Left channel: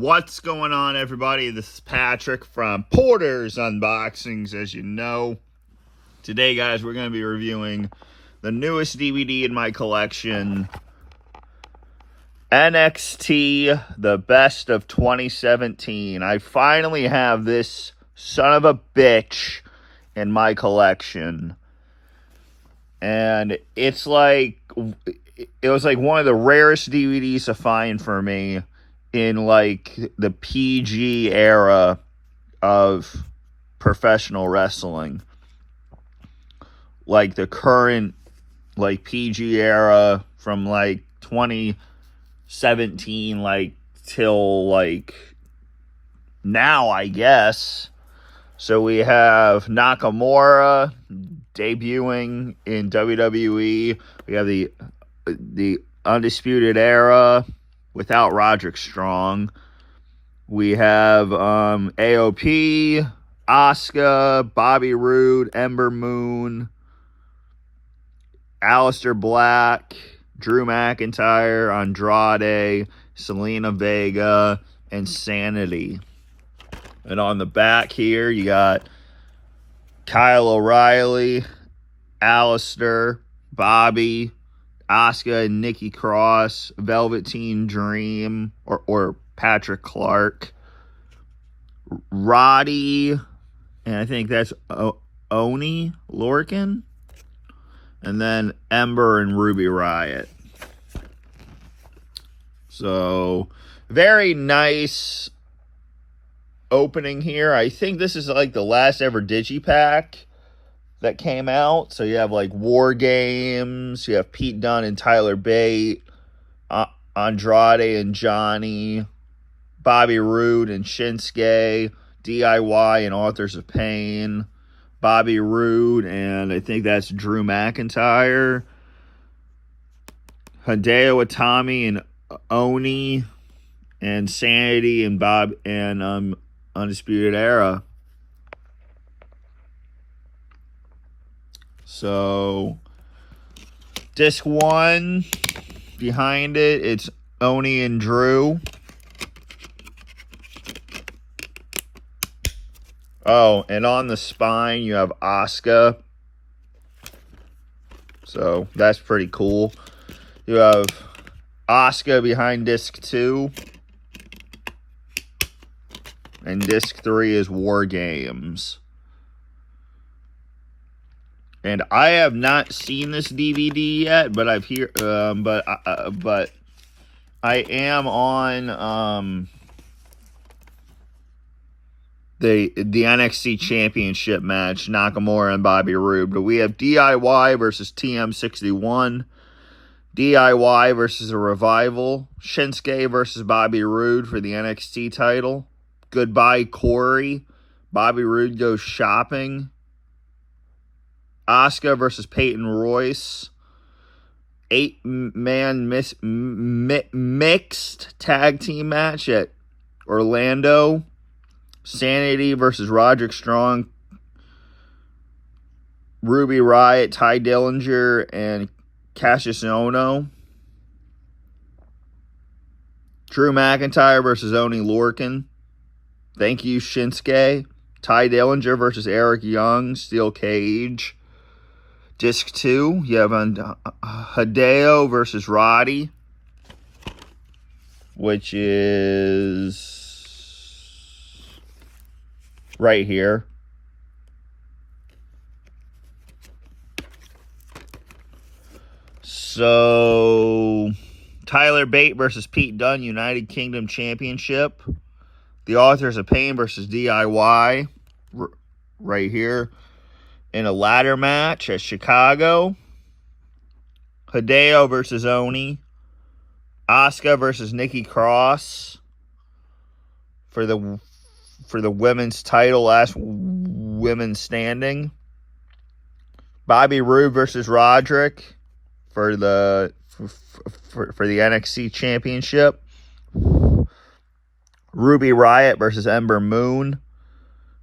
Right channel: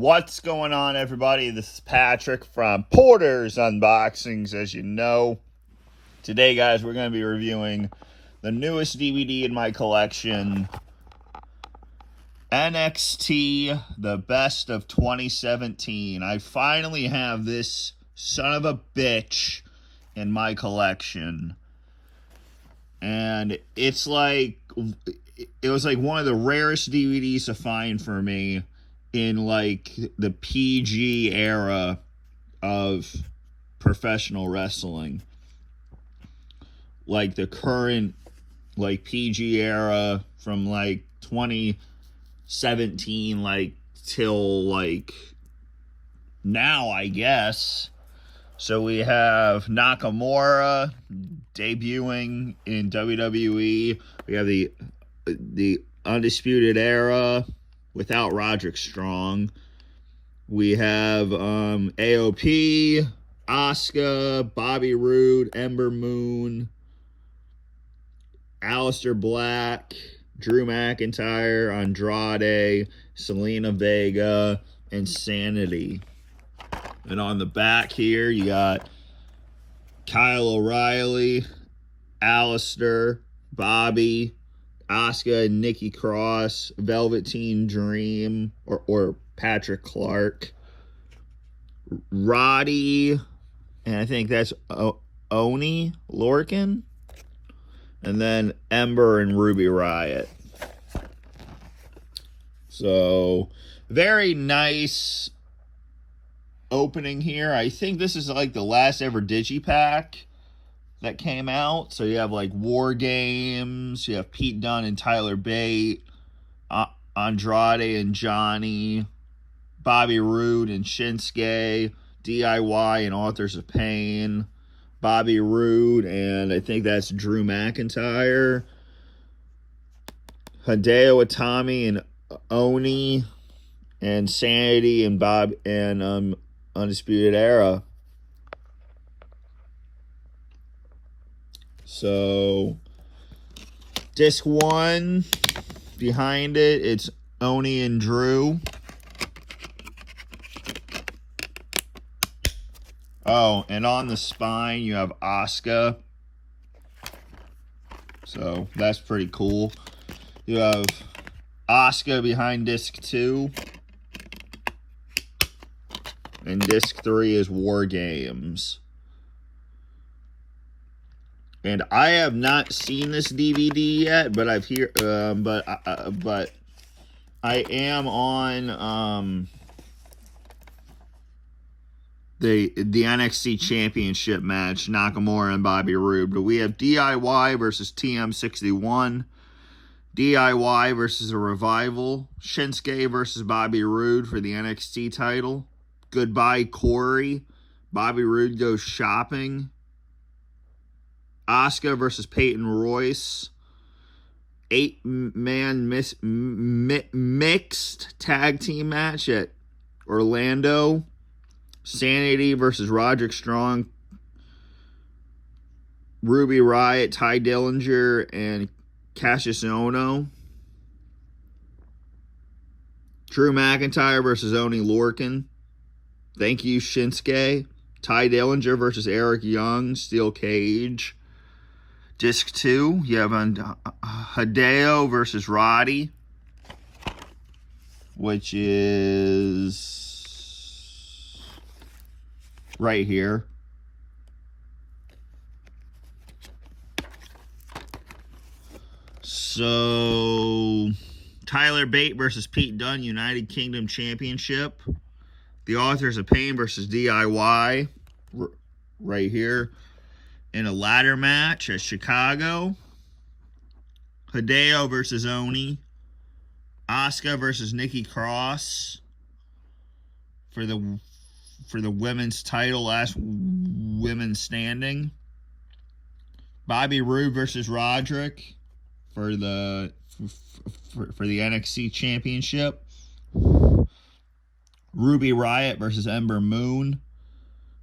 What's going on, everybody? This is Patrick from Porter's Unboxings. As you know, today, guys, we're going to be reviewing the newest DVD in my collection, NXT, The Best of 2017. I finally have this son of a bitch in my collection. And it was like one of the rarest DVDs to find for me in like the PG era of professional wrestling. Like the current like PG era from like 2017 like till like now, I guess. So we have Nakamura debuting in WWE. We have the Undisputed Era without Roderick Strong. We have AOP, Asuka, Bobby Roode, Ember Moon, Aleister Black, Drew McIntyre, Andrade, Selena Vega, and Sanity. And on the back here, you got Kyle O'Reilly, Aleister, Bobby, Asuka and Nikki Cross, Velveteen Dream, or Patrick Clark, Roddy, and I think that's Oni Lorcan, and then Ember and Ruby Riott. So, very nice opening here. I think this is like the last ever Digipack that came out. So you have like War Games, you have Pete Dunne and Tyler Bate, Andrade and Johnny, Bobby Roode and Shinsuke, DIY and Authors of Pain, Bobby Roode, and I think that's Drew McIntyre, Hideo Itami and Oni, and Sanity and Undisputed Era. So, disc 1, behind it, it's Oni and Drew. Oh, and on the spine, you have Asuka. So, that's pretty cool. You have Asuka behind disc 2. And disc 3 is War Games. And I have not seen this DVD yet, but I've but I am on the NXT Championship match, Nakamura and Bobby Roode. But we have DIY versus TM61, DIY versus The Revival, Shinsuke versus Bobby Roode for the NXT title, Goodbye Corey, Bobby Roode goes shopping, Asuka versus Peyton Royce, 8-man mixed tag team match at Orlando, Sanity versus Roderick Strong, Ruby Riott, Ty Dillinger, and Cassius Ohno, Drew McIntyre versus Oni Lorcan, Thank You Shinsuke, Ty Dillinger versus Eric Young, Steel Cage. Disc 2, you have Hideo versus Roddy, which is right here. So, Tyler Bate versus Pete Dunne, United Kingdom Championship. The Authors of Pain versus DIY, right here. In a ladder match at Chicago, Hideo versus Oni, Asuka versus Nikki Cross for the women's title, last women standing. Bobby Roode versus Roderick for the NXT Championship. Ruby Riott versus Ember Moon.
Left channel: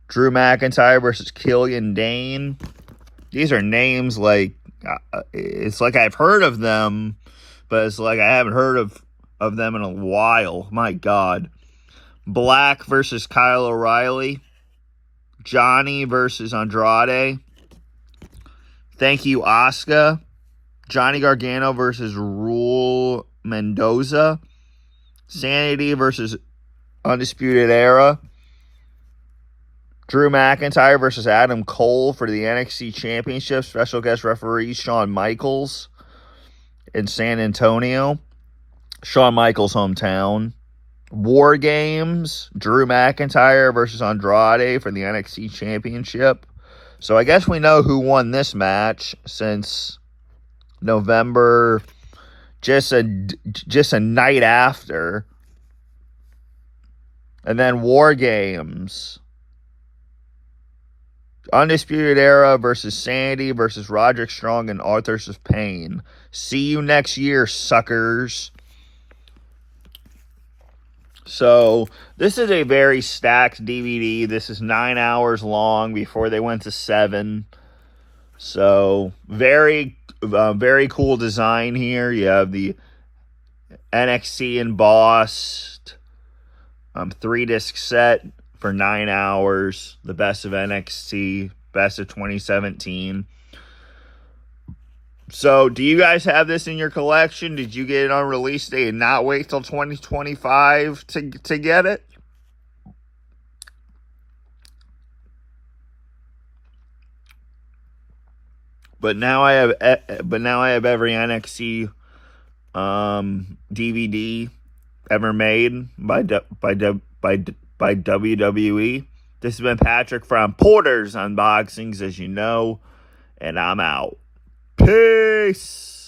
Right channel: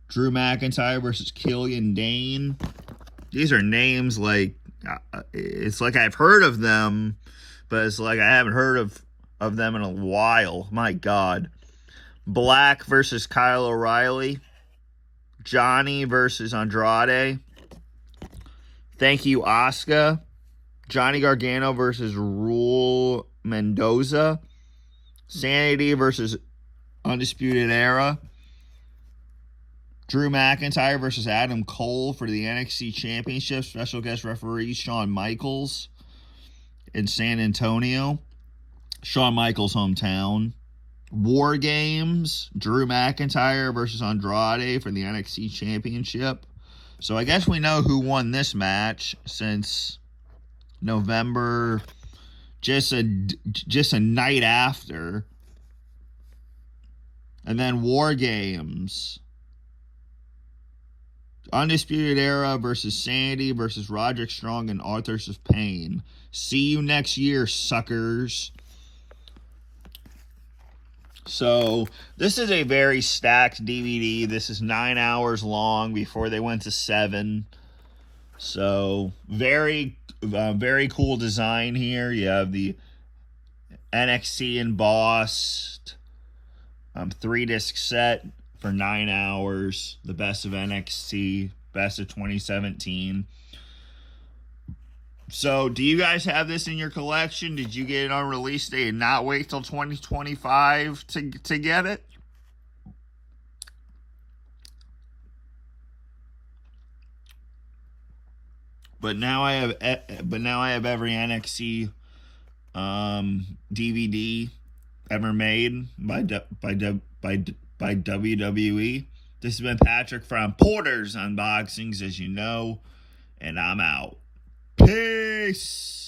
Drew McIntyre versus Killian Dane. These are names like, it's like I've heard of them, but it's like I haven't heard of them in a while. My God. Black versus Kyle O'Reilly. Johnny versus Andrade. Thank you, Asuka. Johnny Gargano versus Raul Mendoza. Sanity versus Undisputed Era. Drew McIntyre versus Adam Cole for the NXT Championship. Special guest referee Shawn Michaels in San Antonio. Shawn Michaels' hometown. War Games. Drew McIntyre versus Andrade for the NXT Championship. So I guess we know who won this match since November, just a night after. And then War Games. Undisputed Era versus Sandy versus Roderick Strong and Authors of Pain. See you next year, suckers. So, this is a very stacked DVD. This is 9 hours long before they went to 7. So, very cool design here. You have the NXT embossed 3-disc set for 9 hours. The best of NXT, best of 2017. So, do you guys have this in your collection? Did you get it on release day and not wait till 2025 to get it? But now I have every NXT DVD ever made by WWE. This has been Patrick from Porter's Unboxings, as you know, and I'm out. Peace.